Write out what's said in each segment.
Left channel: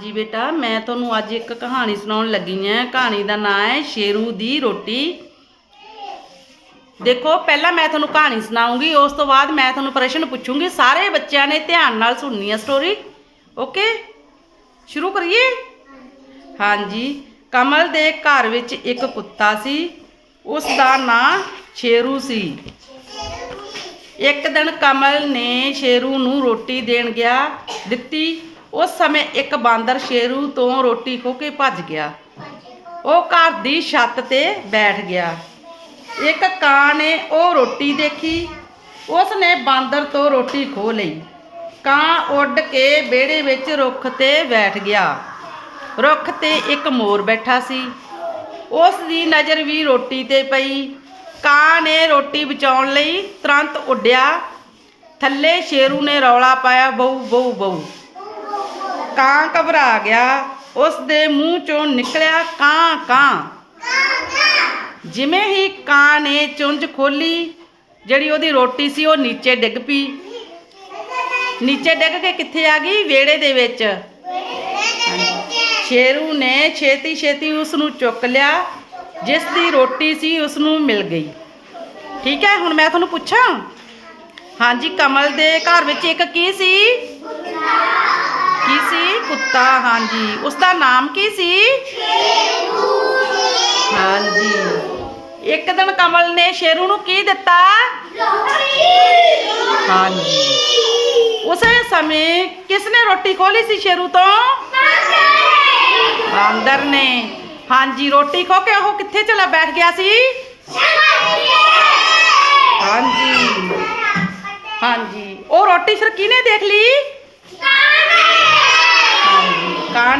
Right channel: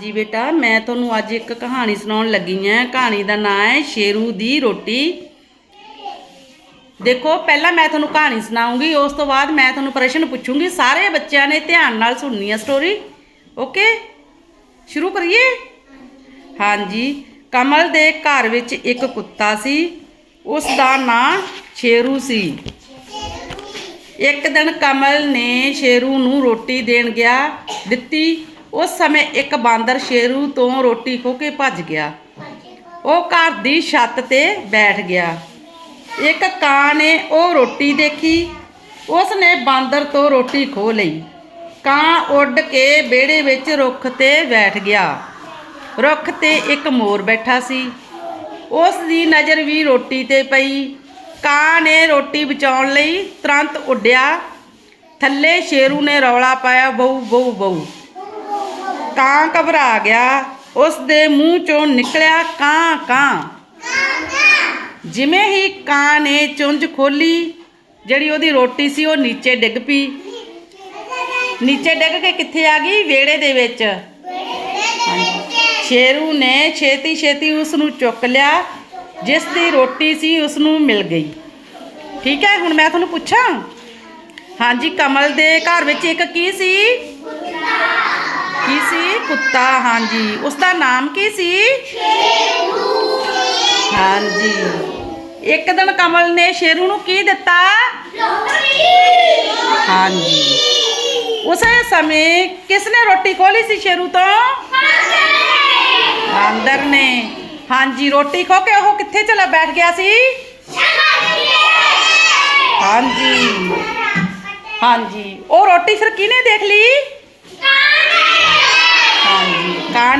ਜੀ ਬੇਟਾ, ਮੈਂ ਤੁਹਾਨੂੰ ਅੱਜ ਇੱਕ ਕਹਾਣੀ ਸੁਣਾਉਣ ਲੱਗੀ ਹਾਂ। ਕਹਾਣੀ ਦਾ ਨਾਮ ਹੈ ਸ਼ੇਰੂ ਦੀ ਰੋਟੀ। ਦੇਖੋ, ਪਹਿਲਾਂ ਮੈਂ ਤੁਹਾਨੂੰ ਕਹਾਣੀ ਸੁਣਾਉਂਗੀ, ਉਸ ਤੋਂ ਬਾਅਦ ਮੈਂ ਤੁਹਾਨੂੰ ਪ੍ਰਸ਼ਨ ਪੁੱਛੂੰਗੀ। ਸਾਰੇ ਬੱਚਿਆਂ ਨੇ ਧਿਆਨ ਨਾਲ ਸੁਣਨੀ ਹੈ ਸਟੋਰੀ ਓਕੇ ਸ਼ੁਰੂ ਕਰੀਏ? ਹਾਂਜੀ। ਕਮਲ ਦੇ ਘਰ ਵਿੱਚ ਇੱਕ ਕੁੱਤਾ ਸੀ। ਉਸ ਦਾ ਨਾਂ ਸ਼ੇਰੂ ਸੀ। ਇੱਕ ਦਿਨ ਕਮਲ ਨੇ ਸ਼ੇਰੂ ਨੂੰ ਰੋਟੀ ਦੇਣ ਗਿਆ, ਦਿੱਤੀ। ਉਸ ਸਮੇਂ ਇੱਕ ਬਾਂਦਰ ਸ਼ੇਰੂ ਤੋਂ ਰੋਟੀ ਖੋ ਕੇ ਭੱਜ ਗਿਆ। ਉਹ ਘਰ ਦੀ ਛੱਤ ਤੇ ਬੈਠ ਗਿਆ। ਇੱਕ ਕਾਂ ਨੇ ਉਹ ਰੋਟੀ ਦੇਖੀ। ਉਸ ਨੇ ਬਾਂਦਰ ਤੋਂ ਰੋਟੀ ਖੋ ਲਈ। ਕਾਂ ਉੱਡ ਕੇ ਵਿਹੜੇ ਵਿੱਚ ਰੁੱਖ ਤੇ ਬੈਠ ਗਿਆ। ਰੁੱਖ ਤੇ ਇੱਕ ਮੋਰ ਬੈਠਾ ਸੀ। ਉਸ ਦੀ ਨਜ਼ਰ ਵੀ ਰੋਟੀ ਤੇ ਪਈ। ਕਾਂ ਨੇ ਰੋਟੀ ਬਚਾਉਣ ਲਈ ਤੁਰੰਤ ਉੱਡਿਆ। ਥੱਲੇ ਸ਼ੇਰੂ ਨੇ ਰੌਲਾ ਪਾਇਆ ਬਹੂ ਬਹੁ ਬਹੁ ਕਾਂ ਘਬਰਾ ਗਿਆ ਉਸ ਦੇ ਮੂੰਹ ਚੋਂ ਨਿਕਲਿਆ ਕਾਂ ਕਾਂ। ਜਿਵੇਂ ਹੀ ਕਾਂ ਨੇ ਚੁੰਝ ਖੋਲੀ, ਜਿਹੜੀ ਉਹਦੀ ਰੋਟੀ ਸੀ ਉਹ ਨੀਚੇ ਡਿੱਗ ਪਈ। ਨੀਚੇ ਡਿੱਗ ਕੇ ਕਿੱਥੇ ਆ ਗਈ? ਵਿਹੜੇ ਦੇ ਵਿੱਚ। ਹਾਂਜੀ। ਸ਼ੇਰੂ ਨੇ ਛੇਤੀ ਛੇਤੀ ਉਸ ਨੂੰ ਚੁੱਕ ਲਿਆ, ਜਿਸ ਦੀ ਰੋਟੀ ਸੀ ਉਸ ਨੂੰ ਮਿਲ ਗਈ। ਠੀਕ ਹੈ, ਹੁਣ ਮੈਂ ਤੁਹਾਨੂੰ ਪੁੱਛਾਂ? ਹਾਂਜੀ, ਕਮਲ ਦੇ ਘਰ ਵਿੱਚ ਇੱਕ ਕੀ ਸੀ? ਕੀ ਸੀ? ਕੁੱਤਾ, ਹਾਂਜੀ। ਉਸ ਦਾ ਨਾਮ ਕੀ ਸੀ? ਹਾਂਜੀ। ਇੱਕ ਦਿਨ ਕਮਲ ਨੇ ਸ਼ੇਰੂ ਨੂੰ ਕੀ ਦਿੱਤਾ? ਹਾਂਜੀ। ਉਸੇ ਸਮੇਂ ਕਿਸ ਨੇ ਰੋਟੀ ਖੋਲੀ ਸੀ ਸ਼ੇਰੂ ਤੋਂ? ਬਾਂਦਰ ਨੇ। ਹਾਂਜੀ, ਰੋਟੀ ਖੋ ਕੇ ਉਹ ਕਿੱਥੇ ਚਲਾ ਬੈਠ ਗਿਆ ਸੀ? ਹਾਂਜੀ। ਹਾਂਜੀ। ਉਹ ਰੋਟੀ ਫਿਰ ਕਿਹਨੇ ਦੇਖ ਲਈ?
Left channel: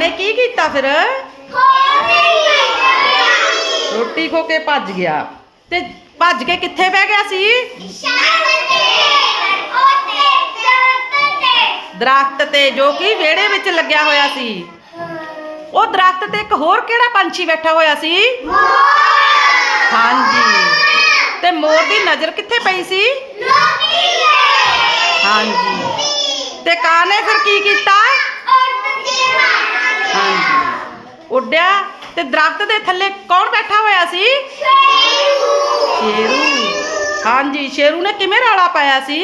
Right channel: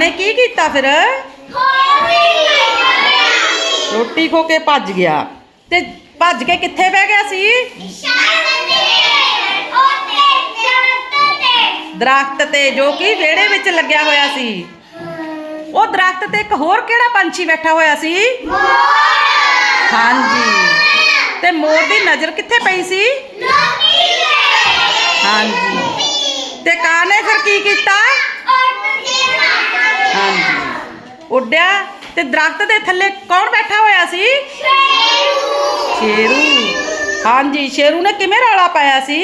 ਹਾਂਜੀ ਕਾਂ ਨੇ ਕੀ ਕੀਤਾ ਫਿਰ? ਰੋਟੀ ਖੋ ਕੇ ਭੱਜ ਗਿਆ। ਤੇ ਭੱਜ ਕੇ ਕਿੱਥੇ ਬਹਿ ਗਿਆ ਸੀ? ਦਰਖਤ ਤੇ ਜੋ ਕਿ ਵਿਹੜੇ ਵਿੱਚ ਲੱਗਿਆ ਹੋਇਆ ਸੀ। ਉਹ ਦਰਖਤ ਤੇ ਇੱਕ ਹੋਰ ਕਿਹੜਾ ਪੰਛੀ ਬੈਠਾ ਹੋਇਆ ਸੀ? ਹਾਂਜੀ। ਤੇ ਮੋਰ ਦੀ ਨਜ਼ਰ ਕਿੱਥੇ ਪਈ ਸੀ? ਹਾਂਜੀ। ਤੇ ਕਾਂ ਨੇ ਫਿਰ ਕੀ ਕੀਤਾ? ਹਾਂਜੀ। ਉੱਡਿਆ ਤੇ ਦਰਖਤ ਦੇ ਥੱਲੇ ਕੌਣ ਬੈਠਾ ਹੋਇਆ ਸੀ? ਸ਼ੇਰੂ। ਹਾਂਜੀ, ਸ਼ੇਰੂ ਨੇ ਕਿਵੇਂ ਰੌਲਾ ਪਾਇਆ ਸੀ?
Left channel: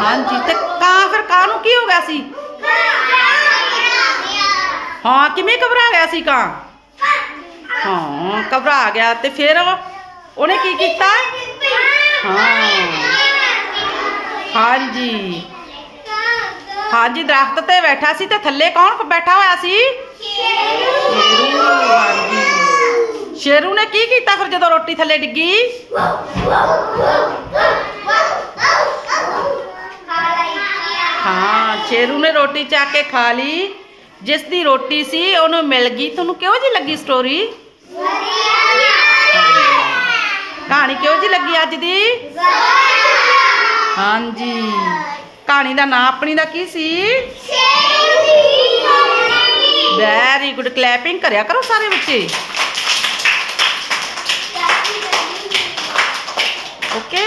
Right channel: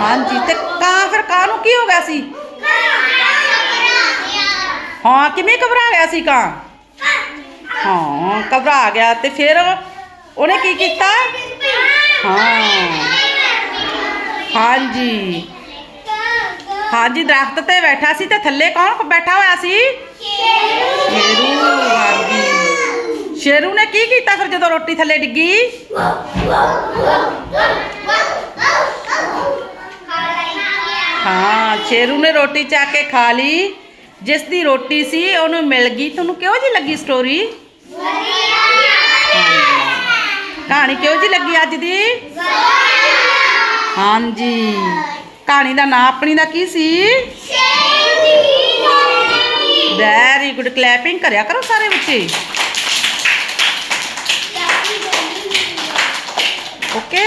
ਹਾਂਜੀ, ਤੇ ਕਾਂ ਫਿਰ ਕਾਂ ਨੂੰ ਕੀ ਹੋ ਗਿਆ ਸੀ? ਹਾਂ, ਕਿਵੇਂ ਘਬਰਾ ਗਿਆ ਸੀ ਕਾਂ? ਹਾਂ, ਘਬਰਾ ਗਿਆ ਤੇ ਫਿਰ ਉਹਨੇ ਕੀ ਕੀਤਾ? ਹਾਂ। ਹਾਂਜੀ। ਹਾਂਜੀ ਦਰਖਤ ਤੇ ਬੈਠਾ ਸੀ ਤੇ ਥੱਲੇ ਕੌਣ ਬੈਠਾ ਹੋਇਆ ਸੀ? ਸ਼ੇਰੂ ਹਾਂਜੀ ਸ਼ੇਰੂ ਨੇ ਕੀ ਕੀਤਾ ਫਿਰ ਜਦੋਂ ਰੋਟੀ ਥੱਲੇ ਡਿੱਗੀ? ਹਾਂ ਸ਼ੇਰੂ ਨੇ ਰੋਟੀ ਚੱਕ ਕੇ ਖਾ ਲਈ। ਜਿਸ ਦੀ ਰੋਟੀ ਸੀ ਉਹਨੂੰ ਮਿਲ ਗਈ। ਤੁਹਾਨੂੰ ਕਿਹੋ ਜੀ ਲੱਗੀ ਸਟੋਰੀ ਕਹਾਣੀ ਕਿਹੋ ਜੀ ਲੱਗੀ ਅੱਜ ਦੀ? ਹਾਂਜੀ। ਕਹਾਣੀ ਦਾ ਨਾਂ ਆਪਣੀ ਦਾ ਕੀ ਸੀ? ਵੈਰੀ ਗੁੱਡ ਕਲੈਪਿੰਗ ਕਰਿਆ ਕਰੋ ਸਾਰੇ ਬੱਚੇ। ਓਕੇ